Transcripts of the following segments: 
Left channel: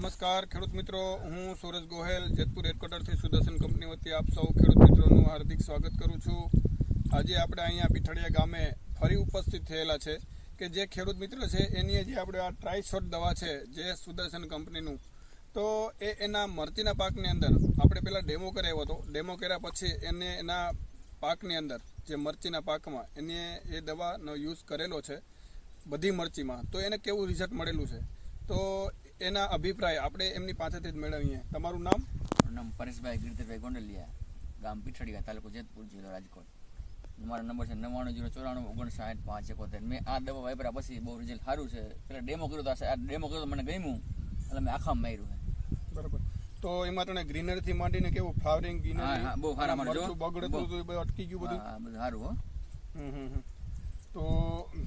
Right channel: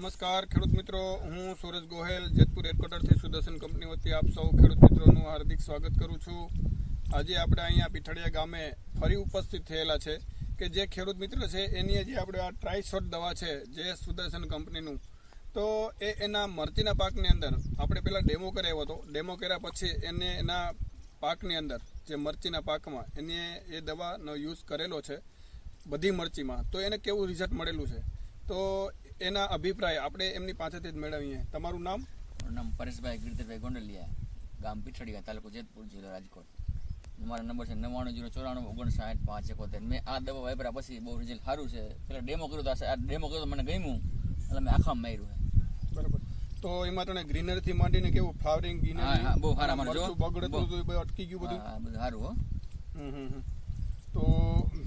નમસ્કાર, ખેડૂત મિત્રો. હું સુરજ ગોહેલ, જેતપુર હેડક્વાર્ટરથી સુદર્શન કંપની વતી આપ સૌ ખેડૂત મિત્રોનું હાર્દિક સ્વાગત કરું છું. આજે આપણે અહીંયા પીઠળિયા ગામે ફરી ઉપસ્થિત થયેલા છે કે જે ખેડૂત મિત્ર છે, એની જે આપણે આ ટ્રાયશોટ દવા છે, જે સુદર્શન કંપનીનું. તો એ એના મરચીના પાકની અંદર, આપણે પહેલાં ડેમો કરાવ્યો હતો. ડેમો કર્યા પછી એને એના પાકની અંદર, જે મરચીના પાકમાં, એને એ દવાનો યુઝ કરેલો છે, બધી મરચીમાં. તો એને કેવું રિઝલ્ટ મળેલું છે? તો એના અભિપ્રાય આપણે એમની પાસેથી જ મેળવીએ. તમારું નામ? નામ પરેશભાઈ ગીરધરભાઈ ગોંડલિયા ગામ પીઠડીયા તાલુકો જેતપુર જિલ્લો રાજકોટ. મારો નંબર છે નવ્વાણું જીરો ચોરાણું ઓગણસાઠ પાંચ એકોતેર. મેં આ દવા વાપર્યા પછી બહુ રિઝલ્ટ સારું છે. પેલા ડેમો કર્યો તો આ ડેમો કર્યો મને ગમ્યું. એટલે મેં આખા માર્યું છે. બરાબર. તો એમાં તને ગ્રીનરથી માંડીને કેવું ફ્લાવરિંગ હા, બહુ સારા જો. બગડતું અટકી ગયું બધું? બધું સારું હો. હમ, હમ. તો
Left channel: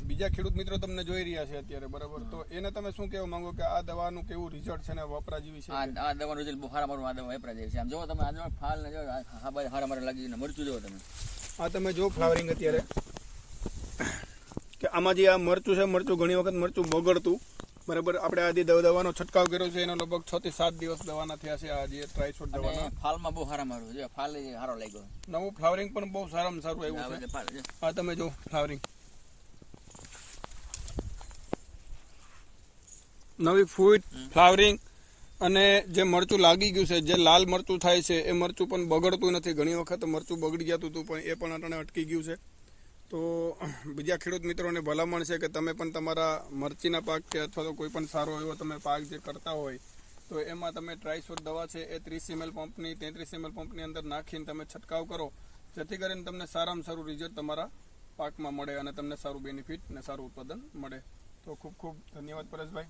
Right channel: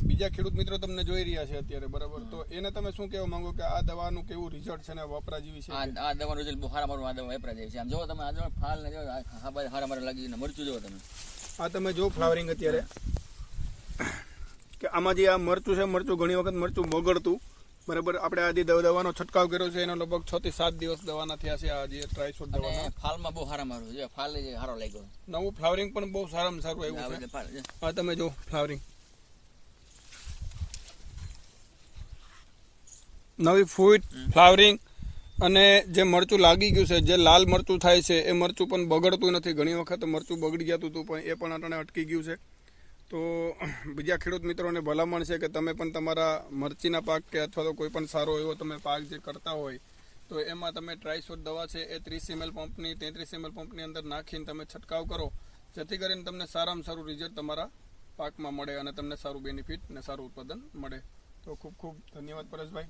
બીજા ખેડૂત મિત્રો તમને જોઈ રહ્યા છે અત્યારે બરાબર? તો એને તમે શું કહેવા માંગો કે આ દવાનું કેવું રિઝલ્ટ છે ને વપરા જેવી છે? આ દવાનું રિઝલ્ટ બહુ સારા મારું આ દવા વાપરા જેવી છે. આમ જોવો તમે આ જો ફાલ ને જો સારા મારા લાગી ને મરચું જોવો તમે. આ તમે જો ફ્લાવરિંગ અત્યારે. કે આમાં જે આ મરચું છે મરચું ઘણી વખત મરચું બગડતું. બરાબર? આપણે આજે દવા- દવાનો છંટકાવ કર્યો છે એનો લગભગ છ થી સાત દિવસ દવાના થયા છે આ જે ટ્રાયશોટ દવાના. ફાલમાં બહુ સારા મારું છે ફાલ સારો લાગ્યો. નવું ફ્લાવરિંગ પણ બહુ સારામાં સારું આવ્યું છે. જો. આ તમે જો ફ્લાવરિંગ નવી ફૂટ ફ્લાવરિંગ અને જે મરચું લાગી ગયું છે, જે લાલ મરચું થાય છે, એ મરચું પણ બગડતું નથી. ઘણી વખત મરચું બગડી જતું હતું, પણ એ પણ અટાણે અટકી ગયું છે. તો બીજા ખેડૂત મિત્રોને ભલામણ છે કે તમે પણ તમારા મરચીના પાક કે અથવા તો કોઈ પણ સારો એવો તમે પાક જે કરતા હોય, તો એમાં તમે ટ્રાયસોર દવા છે, એ ત્રીસ એમએલ પંપની તેત્રીસ એમએલ પંપની અંદર નાખીને તમે છંટકાવ કરો. જેથી કરીને તમને સારામાં સારું રિઝલ્ટ તમારા પાકમાં મળે અને તમને સારું બેનિફિટ અને સારું ઉત્પાદન મળે. તો ખૂબ ખૂબ ધન્યવાદ પરેશભાઈ.